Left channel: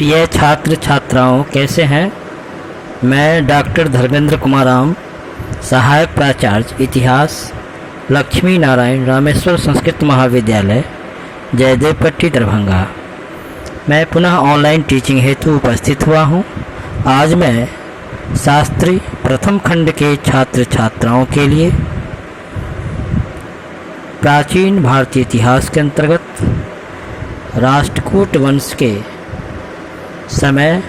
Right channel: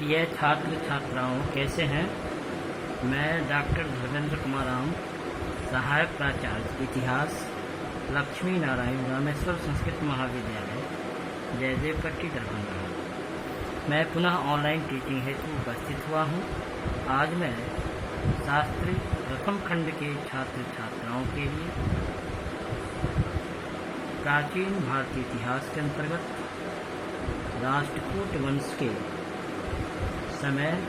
प्रिय छात्र छात्राओं, कैसे हैं? मैं डॉक्टर धर्मेंद्र कुमार राम, सहायक प्राचार्य इतिहास, लक्ष्मी नारायण रामेश्वर संस्कृत महाविद्यालय, जयदेवपट्टी, दरभंगा। मैं पुनः ऑनलाइन टीचिंग हेतु उपस्थित हुआ हूं। आज मैं शास्त्री प्रथम खंड के छात्र छात्राओं के लिए प्राचीन भारतीय इतिहास के अंतर्गत राष्ट्रकूट वंश के समय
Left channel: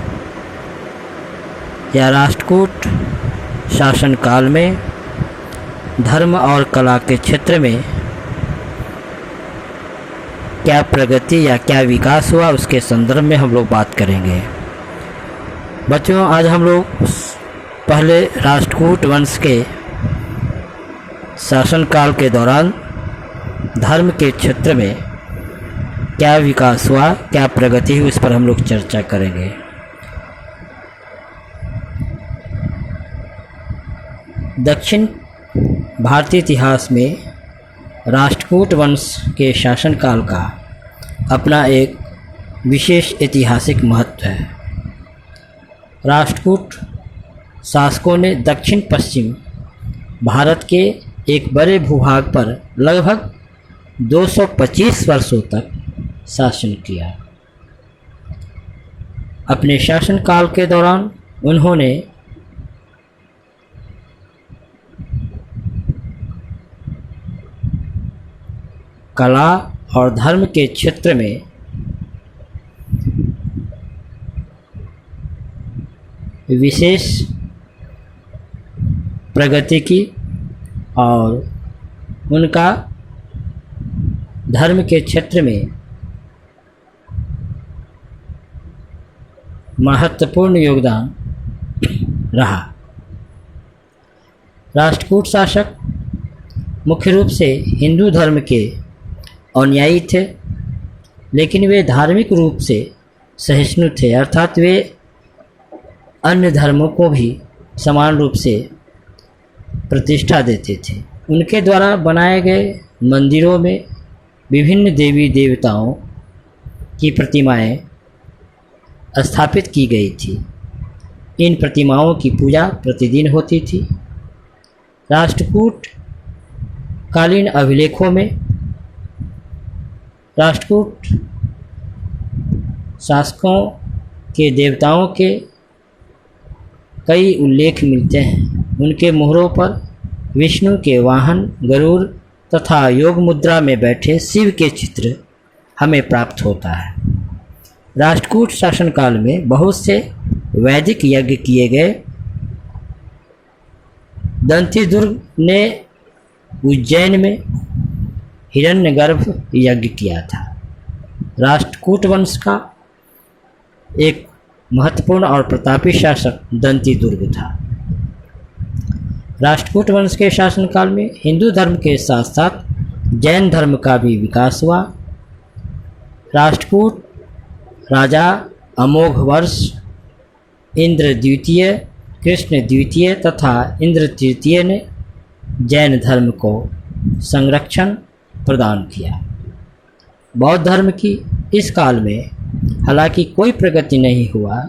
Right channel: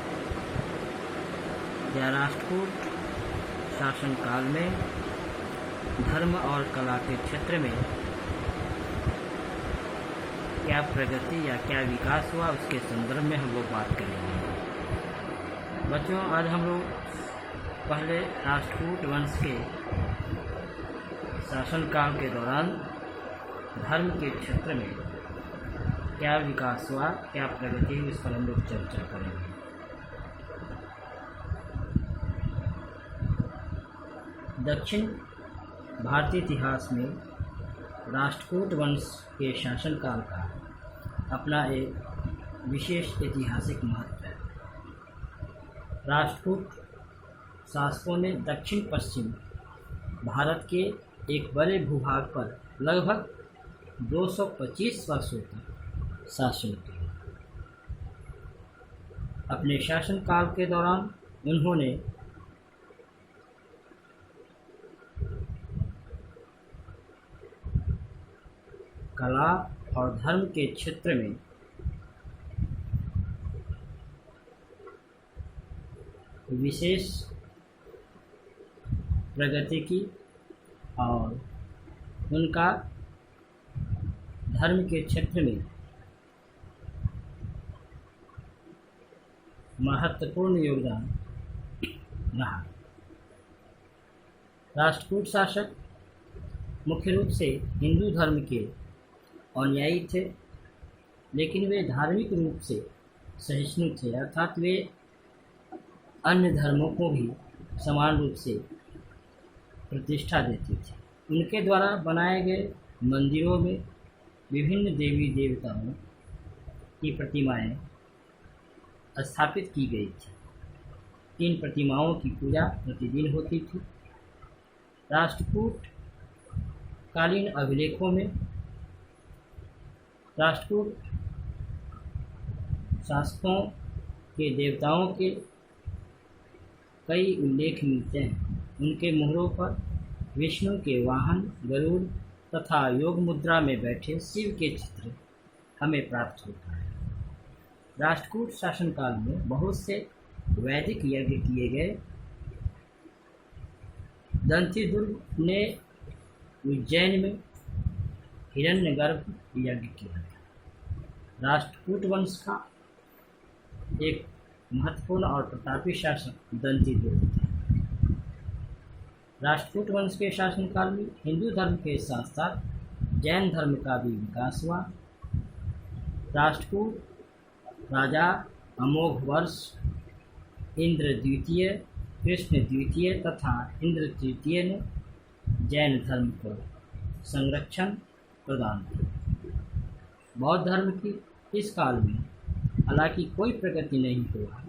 या राष्ट्रकूट शासनकाल में धर्म और कला के क्षेत्र में क्या प्रगति या क्या विकास हुआ, उसके संदर्भ में हम लोग बात करेंगे। बच्चों, आज हम लोग पहले राष्ट्रकूट वंश के शासनकाल के दौरान धर्म के क्षेत्र में क्या विकास हुआ, क्या प्रगति हुई, इस पर हम लोग चर्चा करेंगे। दक्षिण भारतीय इतिहास में राष्ट्रकूट वंश के शासनकाल का अपना एक विशेष ऐतिहासिक महत्व है। राष्ट्रकूट शासकों ने दक्षिण पश्चिम भारत के एक बड़े भूभाग पर लगभग 225 वर्षों तक शासन किया। अपने शासनकाल के दौरान उन्होंने कला और धर्म के क्षेत्र में विशेष प्रगति की और उनका धर्म के क्षेत्र में महत्वपूर्ण योगदान रहा। राष्ट्रकूट शासक मुख्य रूप से हिंदू धर्म के अनुयायी थे, लेकिन वे धार्मिक रूप से सहिष्णु थे, अर्थात वे अन्य धर्मों को भी समान रूप से प्रतिष्ठा देते थे। उनके द्वारा बनाए गए मंदिरों में विभिन्न देवी देवताओं की प्रतिमाएं स्थापित की गई थी। इन प्रतिमाओं की पूजा प्रतिदिन होती थी। राष्ट्रकूट कालीन अभिलेखों में राष्ट्रकूट शासकों के देवताओं के कई उल्लेख मिलते हैं। उनके मोहरों पर विष्णु के वाहन गरुड़ तथा योग मुद्रा में बैठे शिव के चित्र हमें प्राप्त होता है। राष्ट्रकूट शासनकाल में बहुत से वैदिक यज्ञ किए गए। दंतीदुर्ग ने उज्जैन में हिरण्यगर्भ यज्ञ किया था। राष्ट्रकूट वंश का एक महत्वपूर्ण और प्रतापी शासक दंतीदुर्ग था। राष्ट्रकूट वंश के शासनकाल में हिंदू धर्म के साथ साथ जैन धर्म का भी विकास हुआ। राष्ट्रकूट राजा अमोघवर्ष, इंद्र द्वितीय, कृष्ण द्वितीय तथा इंद्र तृतीय ने जैन धर्म को संरक्षण प्रदान किया। बौद्ध धर्म की इस काल में हालांकि कोई प्रगति नहीं हुआ।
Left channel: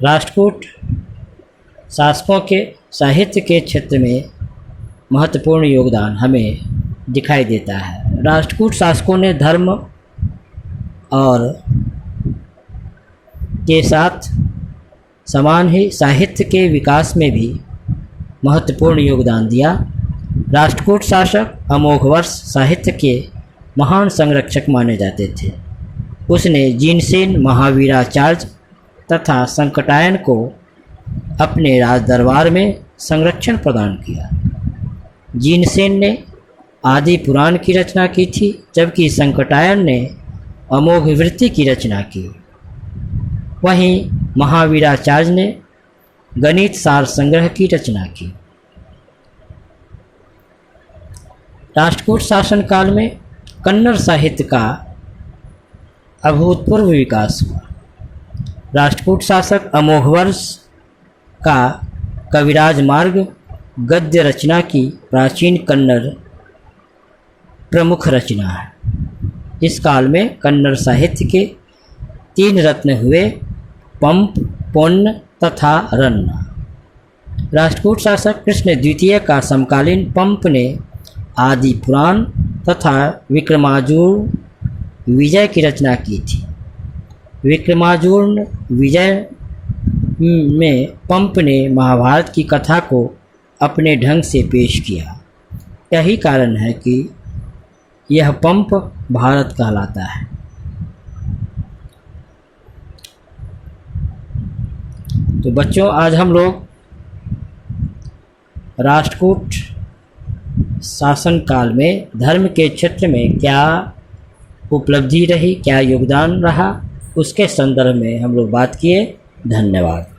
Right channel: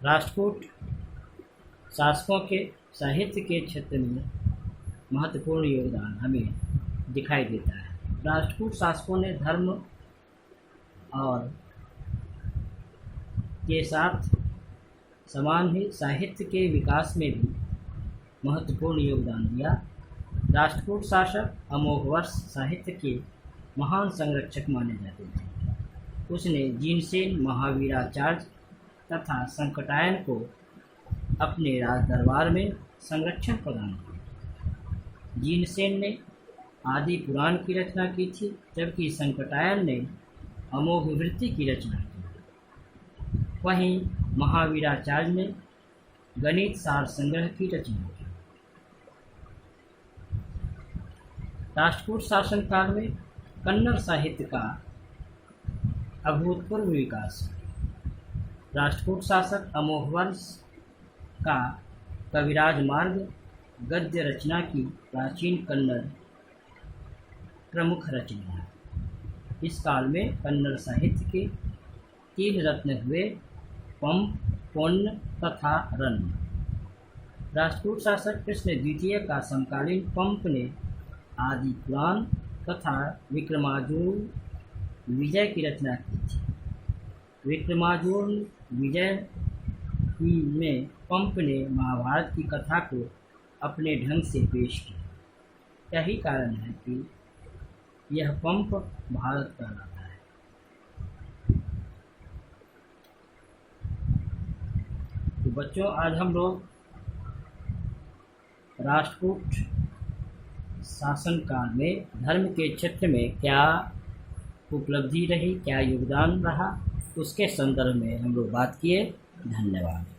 राष्ट्रकूट शासकों के साहित्य के क्षेत्र में महत्वपूर्ण योगदान हमें दिखाई देता है। राष्ट्रकूट शासकों ने धर्म और के साथ समान ही साहित्य के विकास में भी महत्वपूर्ण योगदान दिया। राष्ट्रकूट शासक अमोघवर्ष साहित्य के महान संरक्षक माने जाते थे। उसने जिनसेन, महावीराचार्य तथा संकटायन को अपने राज दरबार में संरक्षण प्रदान किया। जिनसेन ने आदि पुराण की रचना की थी, जबकि संकटायन ने अमोघवृत्ति की रचना की। वहीं महावीराचार्य ने गणित सार संग्रह की रचना की। राष्ट्रकूट शासनकाल में कन्नड़ साहित्य का अभूतपूर्व विकास हुआ। राष्ट्रकूट शासक अमोघवर्ष का कविराज मार्ग गद्य रचना की प्राचीन कन्नड़ प्रमुख रचना है। इस काल में कन्नड़ साहित्य के 3 रत्न हुए, पंप, पुन्न तथा रन्न। राष्ट्रकूट शासक कृष्ण द्वितीय का समकालीन पंप ने आदि पुराण तथा विक्रमार्जुन विजय की रचना की थी। विक्रमार्जुन विजय में पंप ने महाभारत की कथा को अपने ढंग से पेश किया। यही कारण है कि यह पंप भारत कहलाता है। तो बच्चों, आज हम लोग राष्ट्रकूट शासन काल में धर्म के क्षेत्र में क्या उपलब्धि रही, क्या योगदान रहा, उसके संदर्भ में हम लोग बात किए। धन्यवाद।